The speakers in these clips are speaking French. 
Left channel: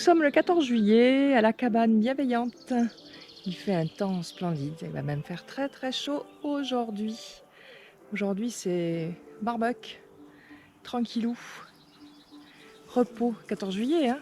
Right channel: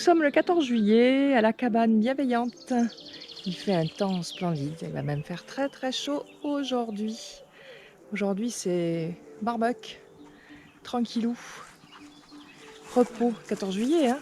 sommes le 14 juillet à la cabane bienveillante. Il fait un temps splendide, il va même faire très très chaud aujourd'hui. Aujourd'hui c'est barbecue, tranquillou, repos, 14 juillet hein.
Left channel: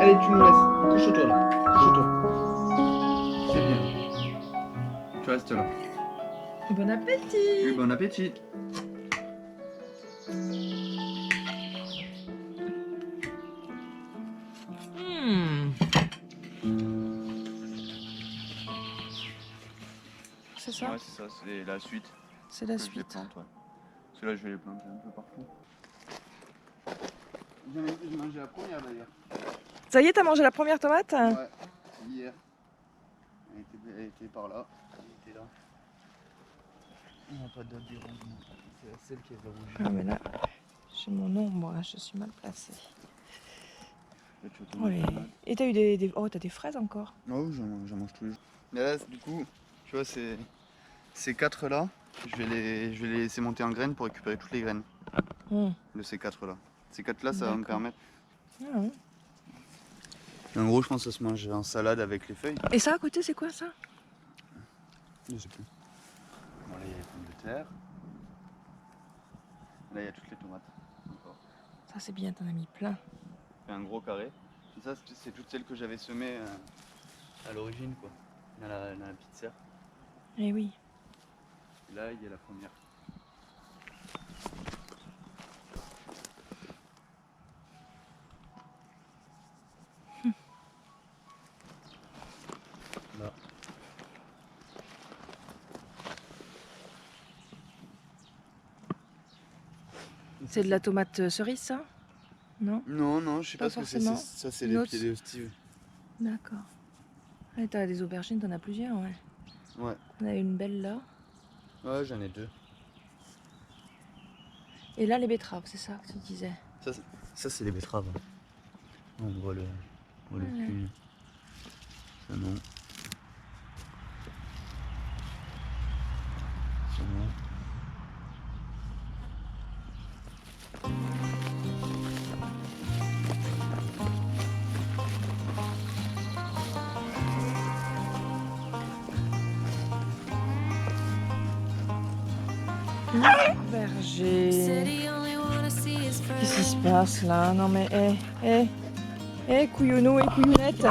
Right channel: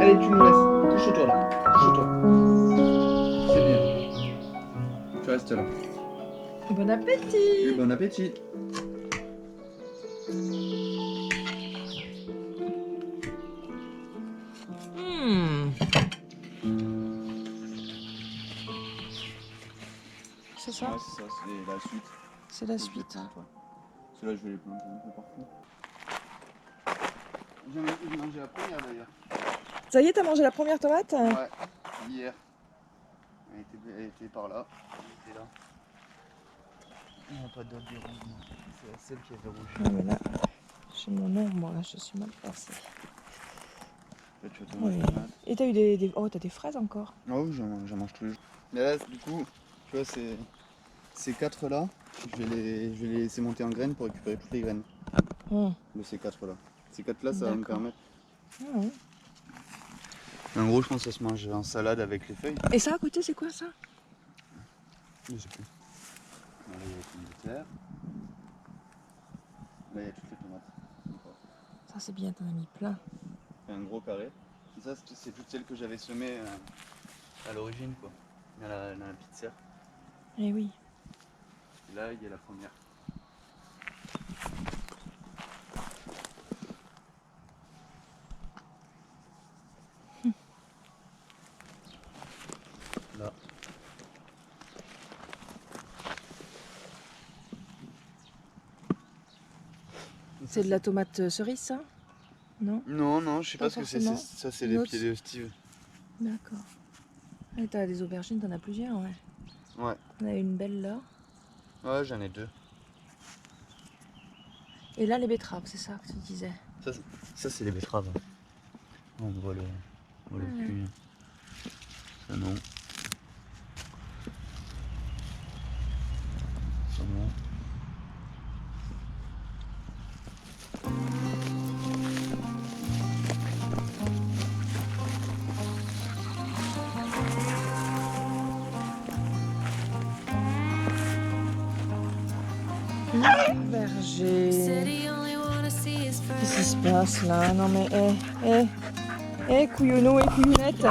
Allez, tu nous laisses. Couche-toi là. Couche-toi. C'est bien. Tu restes là. Bon appétit. Bon appétit. C'est ça? Ouais, c'est ça, c'est la suite. C'est la suite. Parce que là, je vais les planter un peu partout. J'ai mangé la première d'ailleurs. Ça y est, t'as mangé la première tomate? Ouais, hier. Elle était par là. Elle était là. Il n'y a pas d'autre des rouges, non. C'est celle qui avait rouge. Ah, mais là, j'ai mon ombre, là, je suis mal placée. Là, tu vas Oui. Et t'as eu des... Oh, t'as des fraises encore? Ah oui, j'en mange tous les jours. Mais là, du coup, tu vois, ces quatre là, je vais les laisser monter en graines pour récupérer toutes les graines de ces quatre là. Ces quatre là, ça va me permettre. Ah, ouais. En gros, je pense que ça se mange en salade avec les feuilles. Et ça à côté, c'est quoi ça? Je sais plus. Bon, là, il y a les pommes de terre. Là, il y a toutes les tomates. Encore. Ça, c'est bien, t'en as mis plein. C'est un gros carré. Et ça, c'est toutes celles que j'avais semées à l'origine, quoi. Dans la petite serre. Eh oui. Et là, il y a la première. Là. C'est de la tomate cerise, ça? Non? Non, non, je sais pas ce que c'est. Ça, c'est les pieds de Steve. D'accord. Et t'as des aubergines, t'en as plusieurs, ouais. Ouais. T'en as une belle là. Ouais, j'en ai deux. Et là, les betteraves, c'est ça que tu disais? Ça c'est les betteraves. On voit le cul. Ça non. Ça non. Berger. Qu'est-ce qui se passe là? Non mais couillonneau et couillonnette.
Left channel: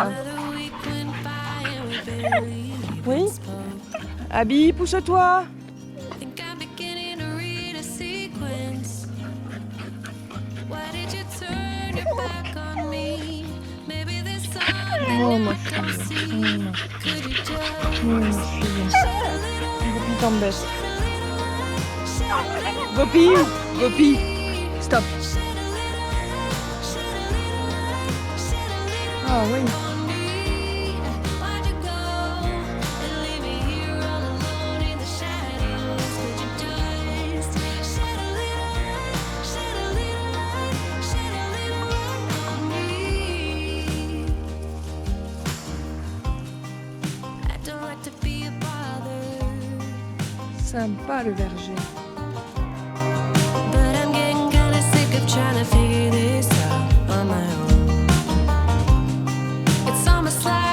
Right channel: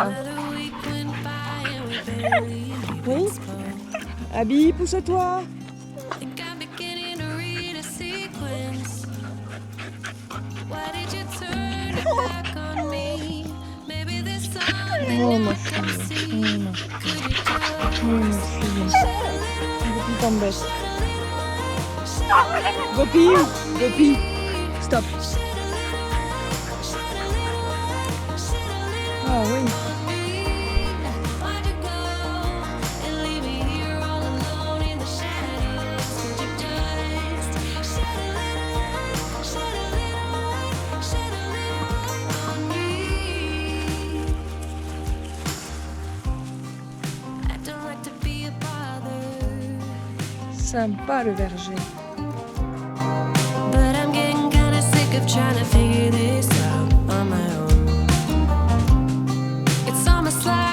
Oui? Abby, pousse-toi. Oh ma fille. Ma fille. Gopi t'embête. Gopi, Gopi, stop. Ah oui. Sympa le verger. But I'm getting kinda sick of trying to figure this out on my own. It's almost like